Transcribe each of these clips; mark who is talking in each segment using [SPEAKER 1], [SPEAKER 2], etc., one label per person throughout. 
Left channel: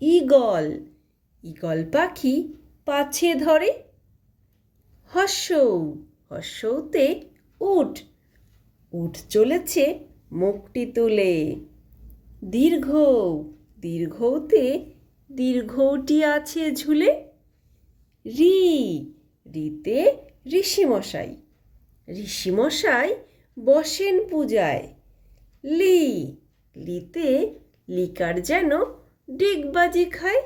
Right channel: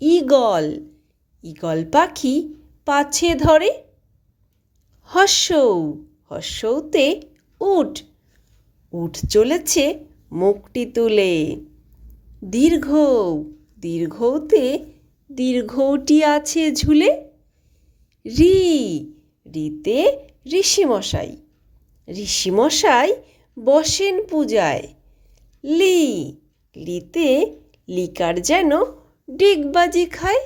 [SPEAKER 1] Eagle. Eagle পাখি পাছে ধরে। হর্ষৌ হর্ষৌতে উঠ উঠ চলেছে মুখটি তুলে। দীর্ঘ, দীর্ঘতে দীর্ঘটি আছে ঝুলে। রি, রিতে ঋষিমশাই। ঋষিমশাই বসেন পূজায়। লি, লিতে লিকার যেন ডিগবাজি খায়?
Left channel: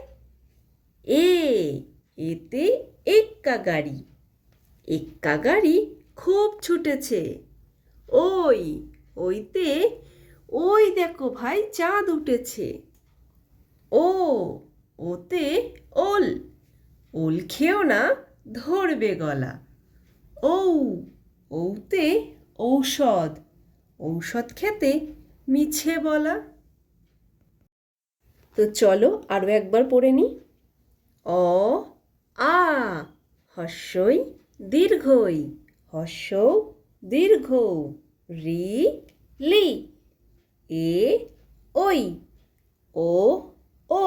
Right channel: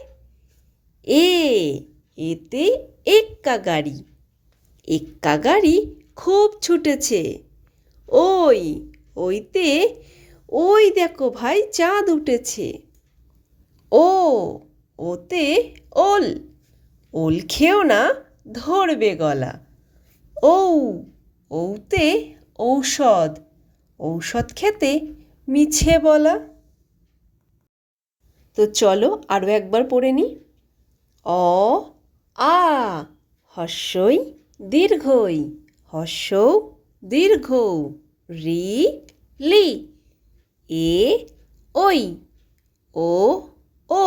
[SPEAKER 1] এ, এতে এক্কা গাড়ি। এক্কা গাড়ি খুব ছুটেছে। ওই, ওইতে, ওই দেখো ভাই চাঁদ উঠেছে। ও, ওতে ওল। ওল খেও না, ধরবে গলা। ঔ, ঔতে ঔষধ। ঔষধ খেতে মিছে বলা। তো চলো আরও একবার পড়ে নিই। অ, আ, হর্ষই দীর্ঘই হর্ষ দীর্ঘ রি, লি, এ, ওই, ও ও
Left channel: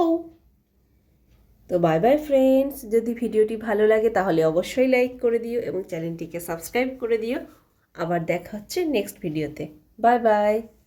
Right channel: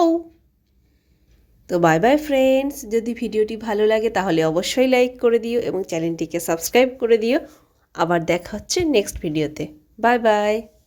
[SPEAKER 1] তো বাই বাই ফ্রেন্ডস, যদি ভিডিওটি ভালো লাগে তাহলে অবশ্যই লাইক করে দিও এবং চ্যানেলটিকে সাবস্ক্রাইব করে দিও। আবার দেখা হচ্ছে নেক্সট ভিডিওতে। Bye bye.